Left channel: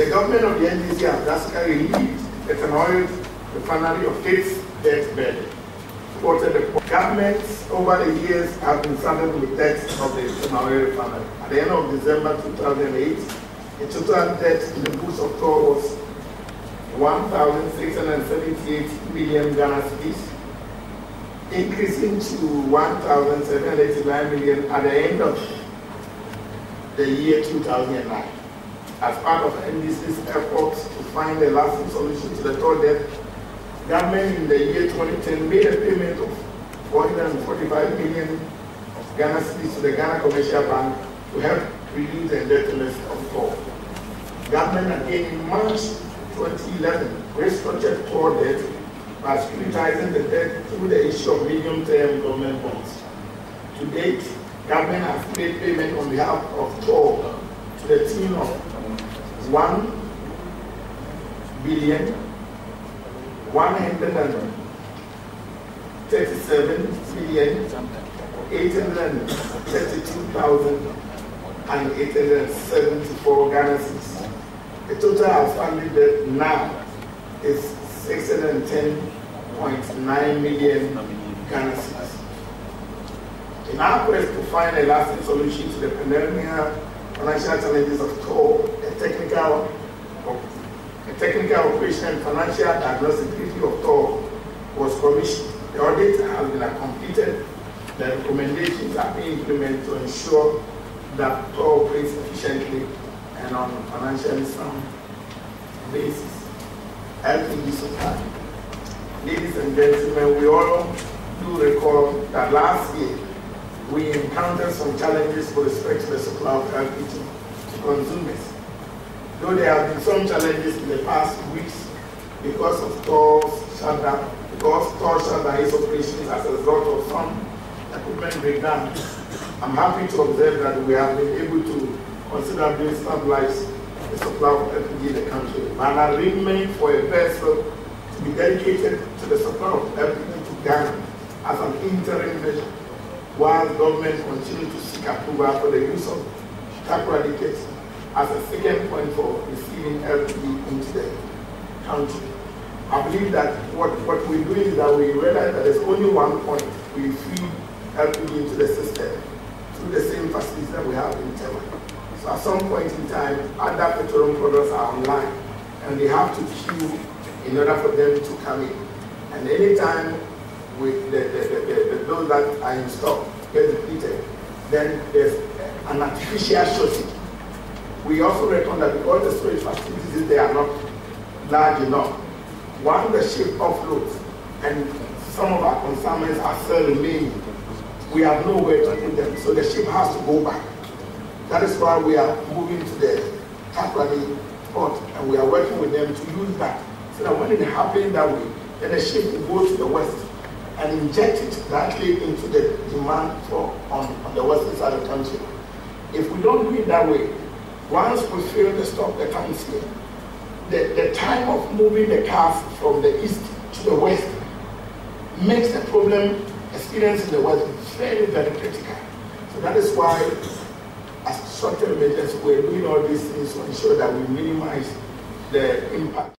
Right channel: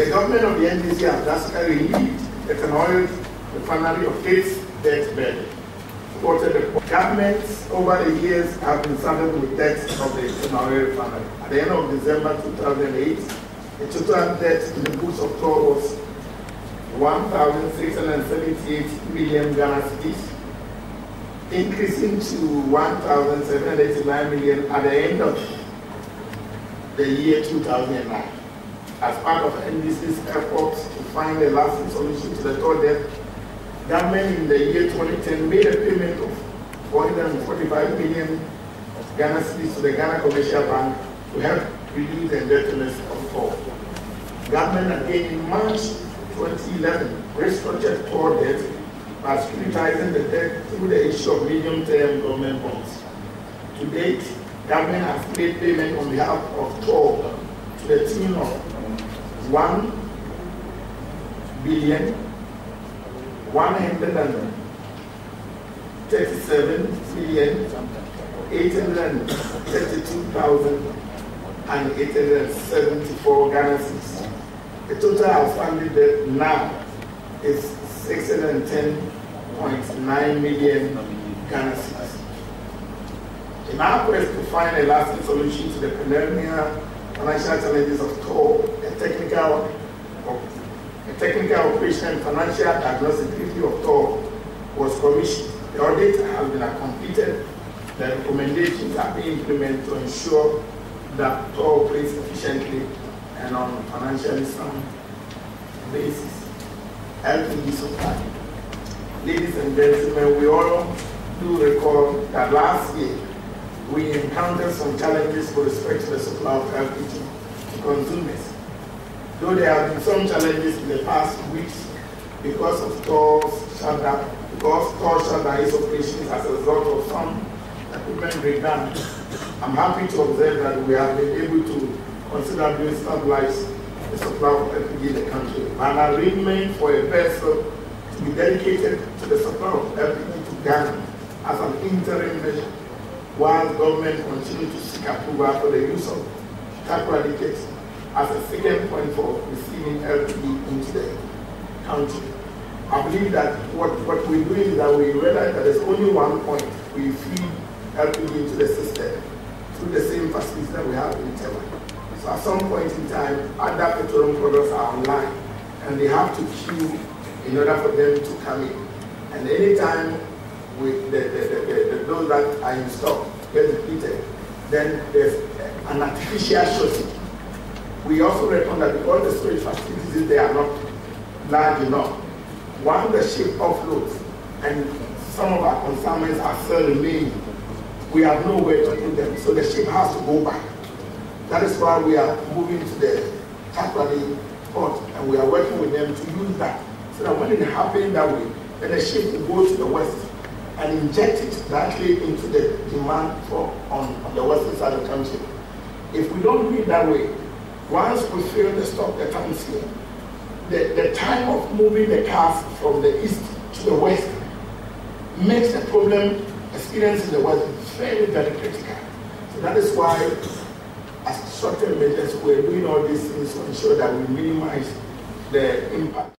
The government of the NDC has drastically relieved the Tema Oil Refinery of its debt burden. The governments over the years have been saddled with debts of the Tema Oil Refinery. At the end of December 2008, the total debt in the books of TOR was 1,678 million Ghana cedis, increasing to 1,789 million at the end of the year 2009. As part of NDC's efforts to find a lasting solution to the TOR debt, government in the year 2010 made a payment of 445 million Ghana cedis to the Ghana Commercial Bank to help reduce the indebtedness of TOR. Government again in March 2011 restructured TOR debt by securitizing the debt through the issue of medium-term government bonds. To date, government has made payment on behalf of TOR to the tune of 1,137,832,874 Ghana cedis. The total outstanding debt now is 610.9 million Ghana cedis. In our quest to find a lasting solution to the perennial financial challenges of TOR, a technical operation and financial diagnostic review of TOR was commissioned. The audit has been completed. The recommendations are being implemented to ensure that TOR operates efficiently and on a financially sound basis. LPG supply. Ladies and gentlemen, we all do recall that last year we encountered some challenges with respect to the supply of LPG to consumers. Though there have been some challenges in the past weeks because of TOR shutdown, because TOR shut down its operations as a result of some equipment breakdown, I'm happy to observe that we have been able to considerably stabilize the supply of LPG in the country. An arrangement for a vessel to be dedicated to the supply of LPG to Ghana as an interim measure, while government continues to seek approval for the use of tax as a second point for receiving LPG into the country. I believe that what we're doing is that we realize that there's only one point we feed LPG into the system through the same facilities that we have in Tema. So at some point in time, other petroleum products are online and they have to queue in order for them to come in. And anytime with those that are in stock get depleted, then there's an artificial shortage. We also reckon that because the storage facilities they are not large enough, once the ship offloads and some of our consignments are still remaining, we have nowhere to put them, so the ship has to go back. That is why we are moving to the Takoradi port and we are working with them to use that, so that when it happens that way, then the ship will go to the west and inject it directly into the demand for on the western side of the country. If we don't do it that way, once we fill the stock that comes here, the time of moving the cars from the east to the west makes the problem experienced in the west very, very critical. So that is why, as short-term measures, we're doing all these things to ensure that we minimize the impact.